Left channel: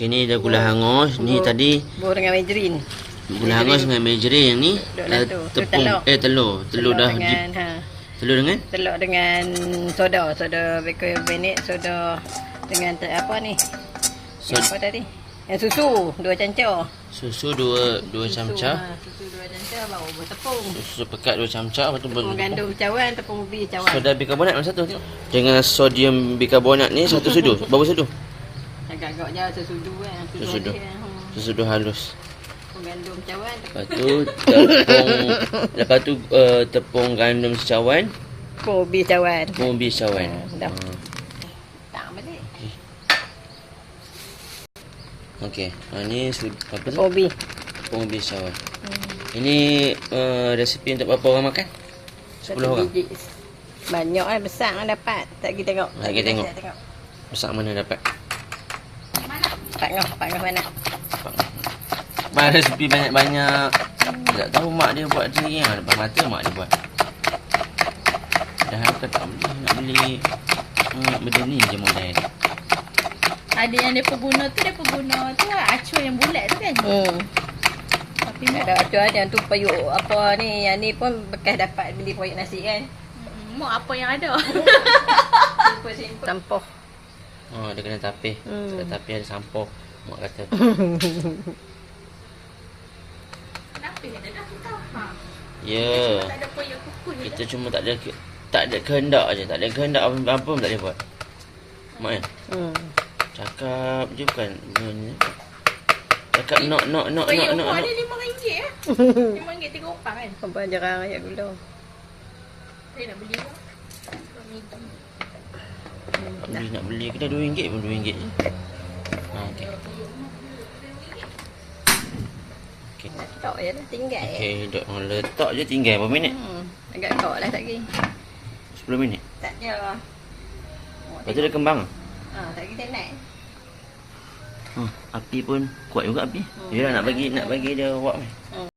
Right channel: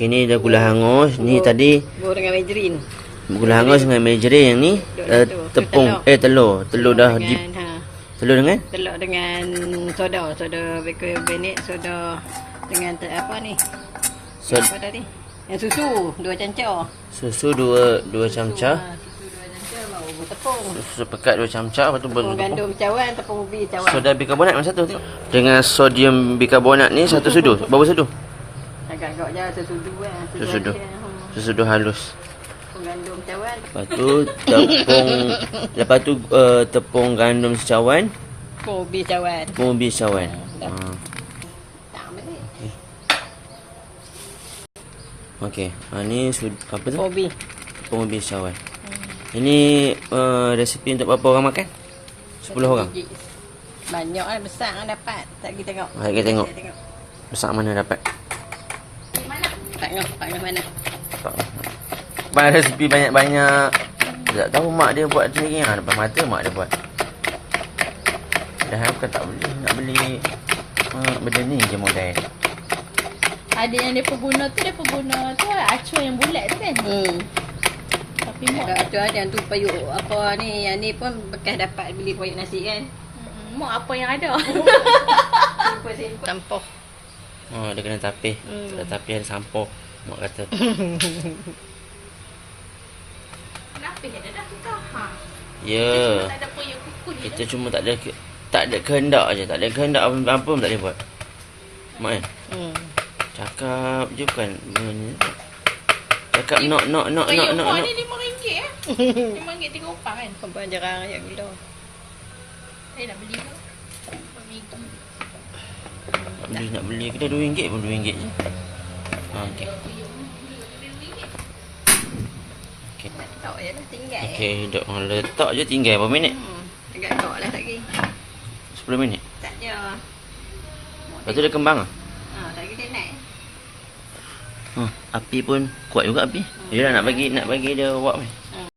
Okey, ni dah gula hangus. Ni tadi Bubur dengan margarin. gula hangus dengan margarin. Yang ni tepung telur. Telur dah di telur dengan soda bicarbonate, soda dengan apa ni? Apa tadi? Yang susu 2 cancur. Susu 2 camca. Susu 2 cancur, baru tepung. Susu pekat 2 camca, lepas tu Tepung gandum cawan, tepung ubi cawan. soda bikarbonat mana satu? Dengan sodium bikarbonat ni satu sudu. Berapa sudu? Agak-agak je sesudu kan. Sesudu. Sesudu halus. Tepung gandum cawan. Lepas tu tepung gandum secawan, Tepung ubi cawan. tepung ubi secawan. Dah. Tak balik. Okey. Ni apa tu? Ubi. Tepung ubi secawan. Ini resipi untuk berapa orang makan? 10 orang. Banyak kan, besar kan dapat. Tak kita tengok. Kita tengok. Besar mana dapat? Pak Ngah mana? Abang resipi banyak-banyak. Tak tahu mak dia buat sendiri. Depan mata mak dia buat. Dah aku tak beli. Nak beli benda ni je modal. Ada yang dia guna tu acuan yang bulat tu kan. Tapi mak Ada ada yang tu payuk apa ni, yang ni pun bekas dapat beli payuk nasi kan. mak apa yang ada. Simple. Campur. Dia kena tapih. Tak tapih ada sampah. Mak kata. Kenapa yang dah kau? Ya. Tak ada payah kuku ni. Kita cuma tak ada kehendak je. Tak ada kehendak apa pun tak boleh buat. Mak kan? Cakap je kan. Cakap nak. Payah kuah ni RM5 RM5 3 orang kan. Sampai jarang ayat gila. Saya nak beli. Nak beli kita RM2 pun RM2 je. Okey. Tak ya dah tinggal. Okey, duk letak je tinggal berapa minit? Agak-agak lah lagi. 10 minit. Tak je. Lepas tu dia kembang ah. Tak kita naik. Api pun kuat juga api. Yelah nak bagi dia wak ni.